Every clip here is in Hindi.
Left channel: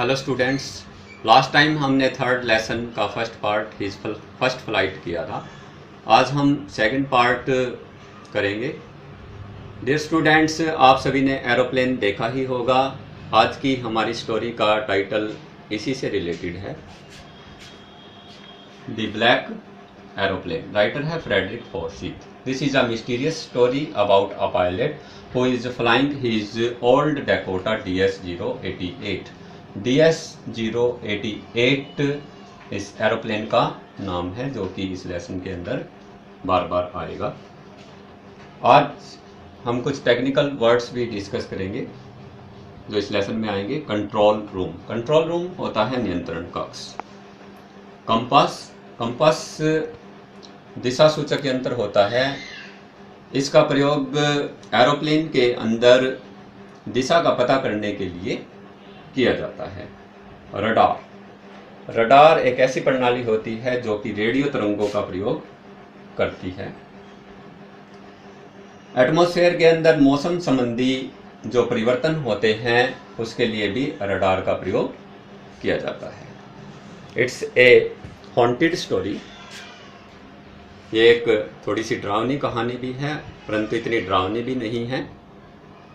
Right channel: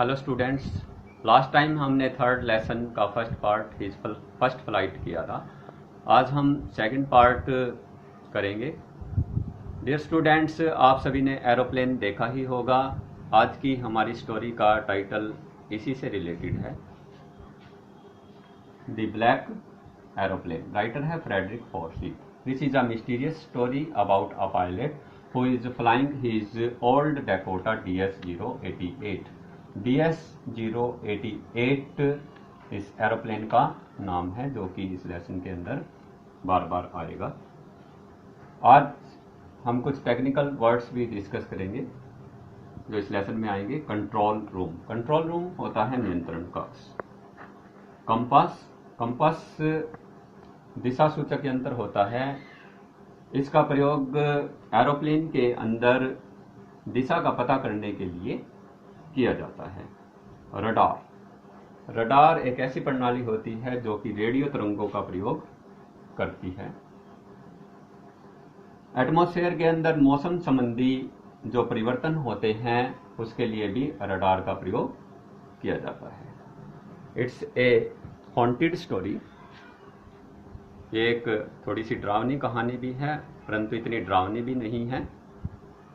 हेलो स्टूडेंट्स, लास्ट टाइम हमने थर्ड लेसन का first part his first flight किया था। आज हम सेकंड पार्ट करेंगे। डियर स्टूडेंट्स, आप सभी ने एरोप्लेन देखा ही होगा। आज की हमारी स्टोरी का टाइटल इसी से रिलेटेड है, द ब्लैक एरोप्लेन। राइटर है Frederick Forsyth. This is a mysterious story about a pilot who is flying his old Dakota DS-088। DS-088 इस एरोप्लेन का नाम है जो कि इस लेसन के अंदर बार बार आएगा। आज हम कुछ टेक्निकल वर्ड्स भी डिस्कस करेंगे जो इस लेसन में आएंगे। Control room. कंट्रोल रूम होता है नियंत्रण कक्ष। कंपास। कंपास दिशा सूचक यंत्र होता है। इसका प्रयोग एरोप्लेन के अंदर दिशा का पता करने के लिए किया जाता है। रडार। रडार एक ऐसी प्रणाली होती है जो कि रेडियो तरंगों का प्रयोग करती है। एटमॉस्फेयर के अंदर मौसम संबंधी जो परिवर्तन होते हैं उसके लिए भी रडार का प्रयोग किया जाता है। It's a haunted story. ये एक थोड़ी सी डरावनी कहानी भी है, परंतु इतनी डरावनी भी नहीं है।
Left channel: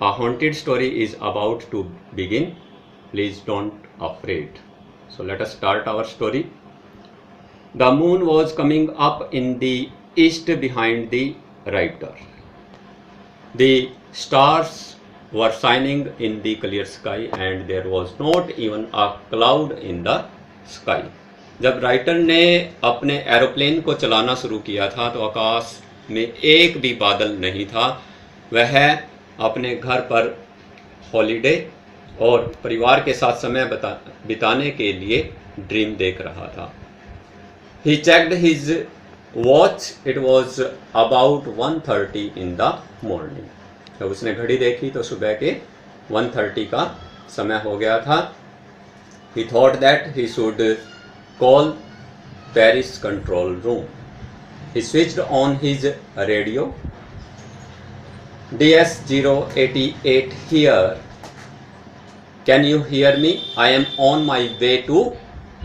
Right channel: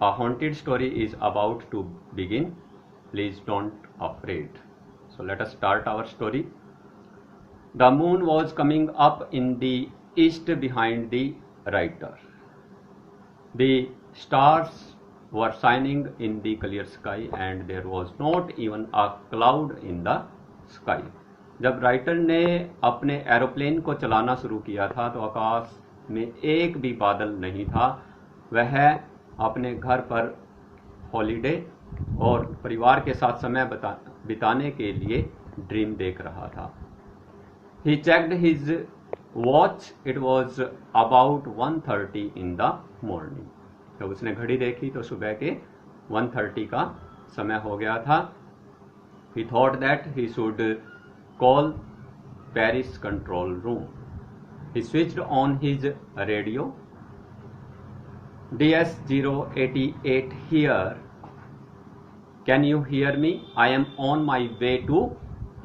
A haunted story is about to begin. Please don't afraid. So let us start our story. The moon was coming up in the east behind the writer. The stars were shining in the clear sky and there was not even a cloud in the sky. जब राइटर ने अपने एरोप्लेन को चलाना शुरू किया था तो आकाश में एक भी बादल नहीं था। वह अपने घर पर हॉलीडे और परिवार के साथ समय बिताने के लिए ड्रीम देख रहा था। He checked his watch. It was about 1:30 in the morning. जब उसने घड़ी देखी तो सुबह के 1:30 का समय हो गया था। He thought that he should call Paris control room. He switched on his radio. DS-088 here. Can you hear me? I am on my way to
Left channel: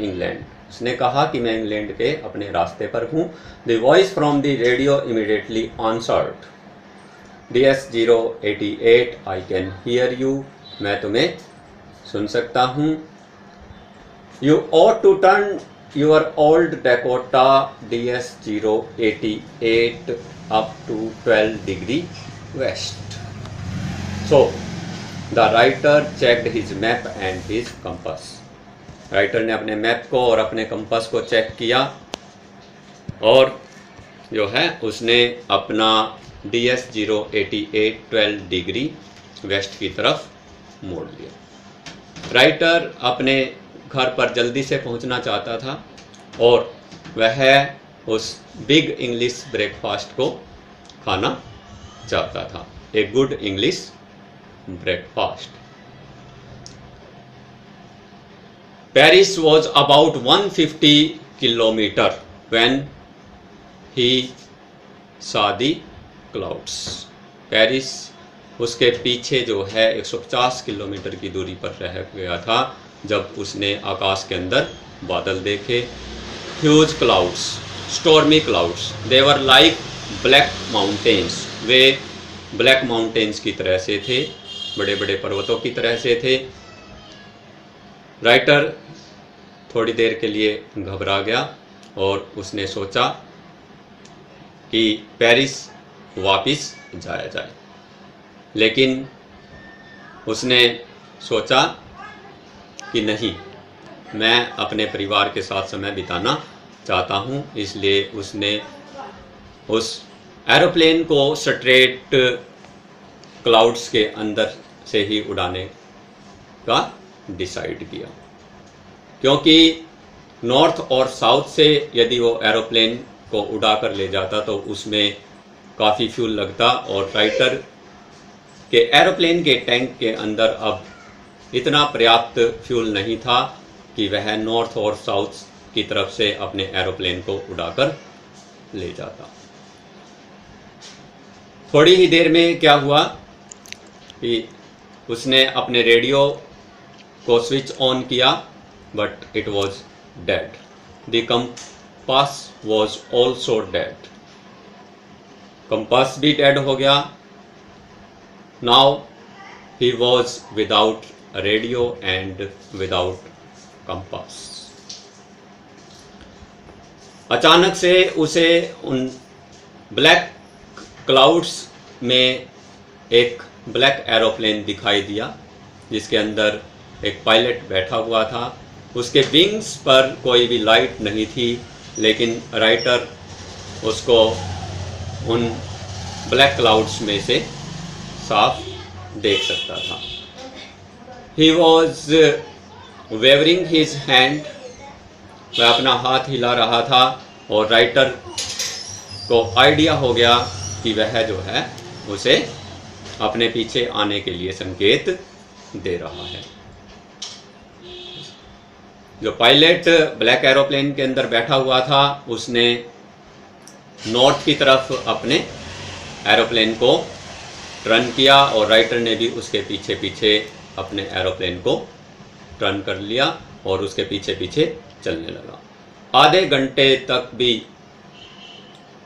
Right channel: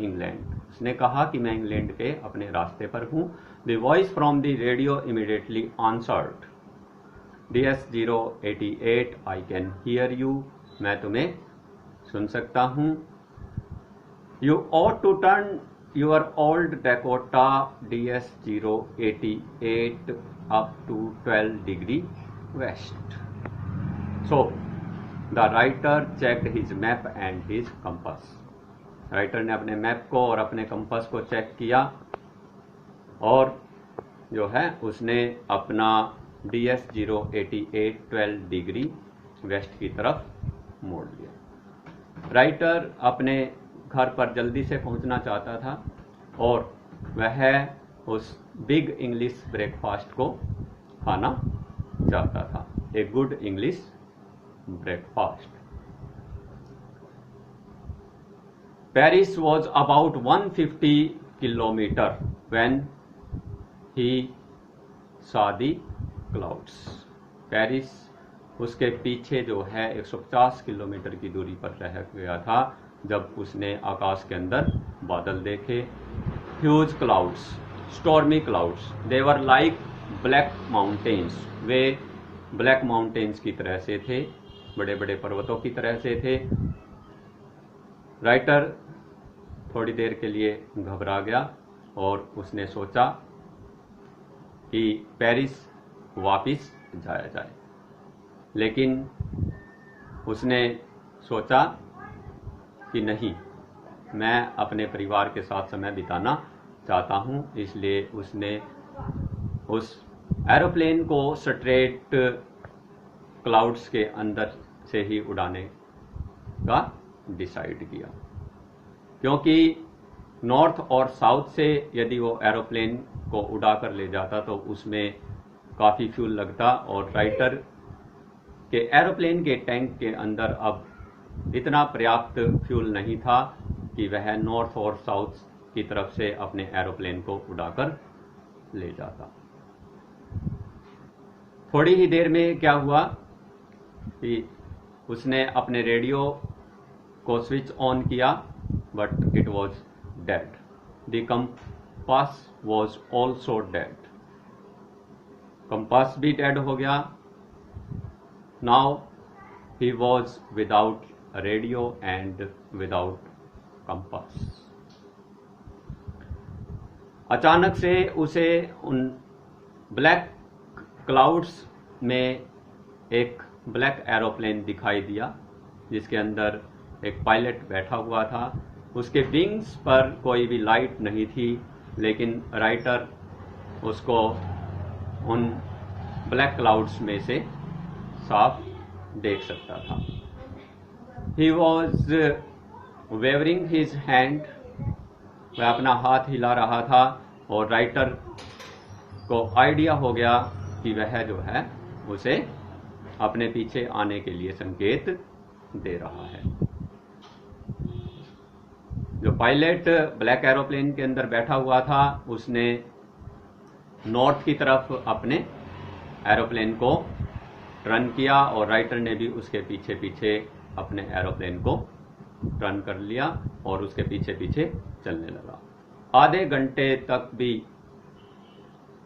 England. उसने कहा कि मैं इंग्लैंड के अपने रास्ते पर हूँ। The voice from the radio immediately answered. DS-088 I can hear you. मैं तुम्हें सुन सकता हूँ। You ought to turn your old Dakota DS-088 up to 12 degrees west. So, the writer checked his map and his compass. Writer ने अपने मैप को और अपने कंपास को चेक किया और जो है उसने अपना DS-088 12 डिग्री वेस्ट की तरफ मोड़ लिया। राइटर अपने घर पर जल्दी से पहुंचना चाहता था और वह उस बिग इंग्लिश ब्रेकफास्ट को खाना चाहता था। A good English breakfast. Paris was about 150 kilometre when he saw the clouds. Paris उसके पीछे जो है 150 किलोमीटर की दूरी पर रह गया था जब उसने आकाश के अंदर बादल देखे। Huge clouds, stormy clouds, they were like black mountains. Way black mountains की तरह से थे, बड़े बड़े पर्वतों की तरह से थे। राइटर थोड़ी देर के लिए घबरा गया और उसने सोचा कि पेरिस वापस जाया जाए, लेकिन उसने सोचा कि नहीं, मैं अपने परिवार के साथ समय बिताना चाहता हूँ। इसलिए उसने उस एरोप्लेन को स्ट्रेट क्लाउड्स के अंदर से ही उड़ाने का डिसाइड किया, क्योंकि नॉर्थ और साउथ से यदि वो एरोप्लेन को उड़ा कर ले जाता तो उसमें काफ़ी फ्यूल लगता और राइटर के एरोप्लेन के टैंक के अंदर अब इतना पर्याप्त फ्यूल नहीं था कि वह नॉर्थ और साउथ की तरफ से अपने एरोप्लेन को उड़ाकर ले जाता। थोड़ी ही देर में क्या हुआ कि उसने अपने रेडियो को स्विच ऑन किया, but it was dead. The compass was also dead. Compass भी डेड हो गया। Now he was without radio and without compass. अचानक से उसे उन ब्लैक क्लाउड्स में एक ब्लैक एरोप्लेन दिखाई दिया, जिसके अंदर एक पायलट बैठा हुआ था। उसके विंग्स पर कोई भी लाइट नहीं थी, लेकिन राइटर उसको उन ब्लैक क्लाउड्स में से साफ देख सकता था। He was wavering his hand. वह अपना हाथ हिला रहा था और राइटर को आइडिया हो गया कि वह जो है उसे अपने पीछे आने के लिए संकेत दे रहा है। जो पायलट ब्लैक एरोप्लेन के अंदर बैठा हुआ था, उसने नॉर्थ की तरफ अपने एरोप्लेन को टर्न किया और राइटर ने भी उसके पीछे पीछे अपने एरोप्लेन को टर्न कर लिया और उसके पीछे पीछे चलने लगा। आधे घंटे तक भी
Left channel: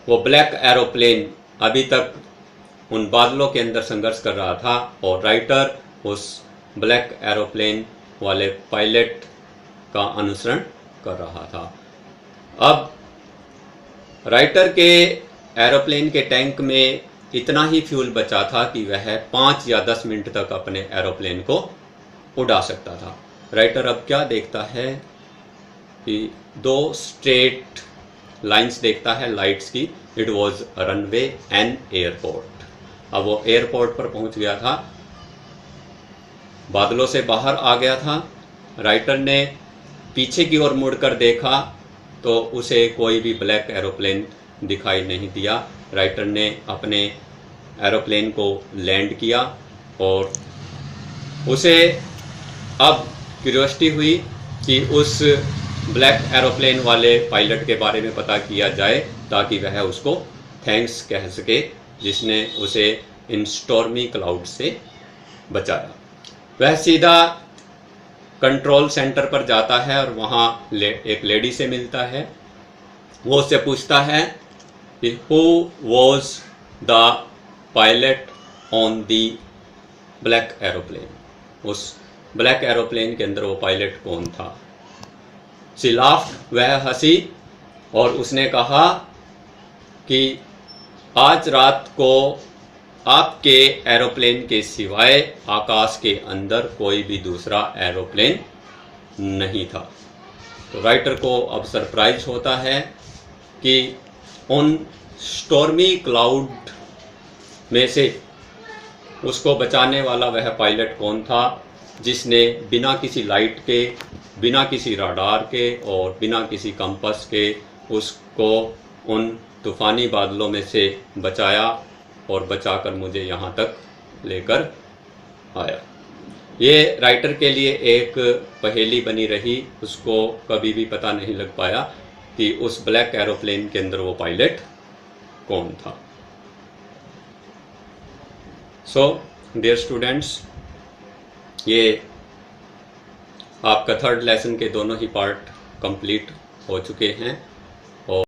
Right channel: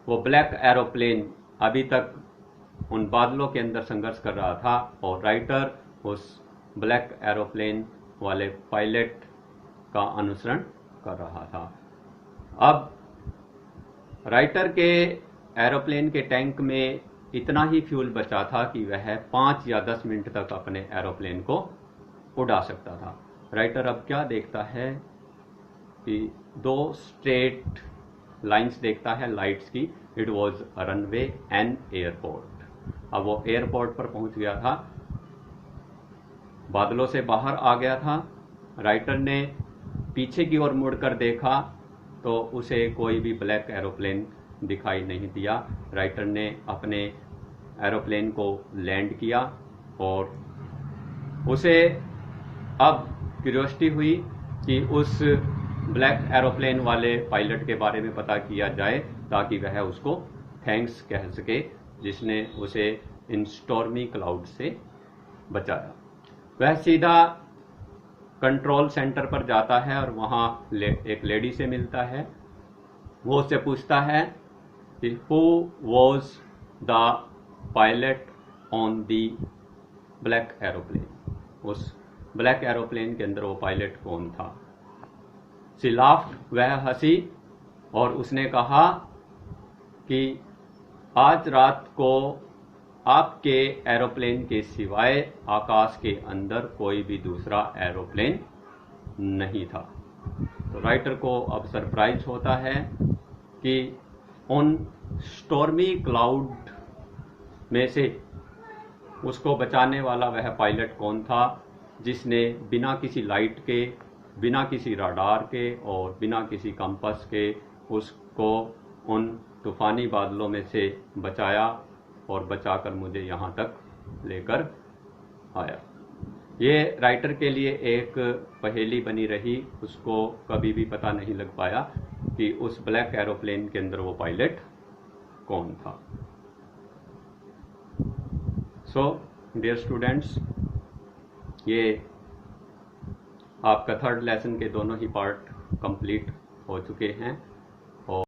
वो ब्लैक एरोप्लेन अभी तक उन बादलों के अंदर संघर्ष कर रहा था और राइटर उस ब्लैक एरोप्लेन वाले पायलट का अनुसरण कर रहा था। अब राइटर के एरोप्लेन के टैंक में इतना ही फ्यूल बचा था कि वह 5 या 10 मिनट तक अपने एरोप्लेन को उड़ा सकता था। राइटर अब क्या देखता है कि 2 स्ट्रेट लाइंस देखता है लाइट्स की। It was runway and airport. अब वो एयरपोर्ट पर पहुंच गया था, बादलों से बाहर आ गया था। राइटर ने पीछे की ओर मुड़कर देखा तो उसे कोई भी ब्लैक एरोप्लेन दिखाई नहीं दिया। राइटर ने अपने एरोप्लेन को लैंड किया और उसे अब क्यूरियोसिटी हुई कि उस ब्लैक एरोप्लेन वाले पायलट के बारे में पता किया जाए, ताकि वह उसको थैंक्स कह सके, जिसने उसे इन स्टॉर्मी क्लाउड से बचाया। वह सीधा कंट्रोल सेंटर पर जाता है और वहाँ एक लेडी से मिलता है। वो उससे पूछता है कि who was the pilot on the black aeroplane. उस ब्लैक एरोप्लेन के अंदर वो पायलट कौन था। शी लाफ्ड, वह हंसी और उसने कहा कि आज रात को आपके एरोप्लेन के सिवाय आकाश के अंदर कोई भी दूसरा एरोप्लेन नहीं था। तो राइटर को अब सरप्राइज होता है कि उन स्टॉर्मी क्लाउड में से उसको बचाने वाला वह पायलट कौन था, जिसने बिना किसी लाइट के, बिना किसी राडार के और बिना किसी कंपास के उसको उन तूफानी बादलों में से बचाया और बचाकर मुझे यहाँ तक लेकर आया। ये राइटर के लिए एक पहेली बनी रही। उसको कभी भी पता नहीं लग पाया कि उस ब्लैक एरोप्लेन के अंदर वो पायलट कौन था। सो डियर स्टूडेंट्स, ये आपका 3rd लेसन के दोनों ही पार्ट कंप्लीट हो चुके हैं।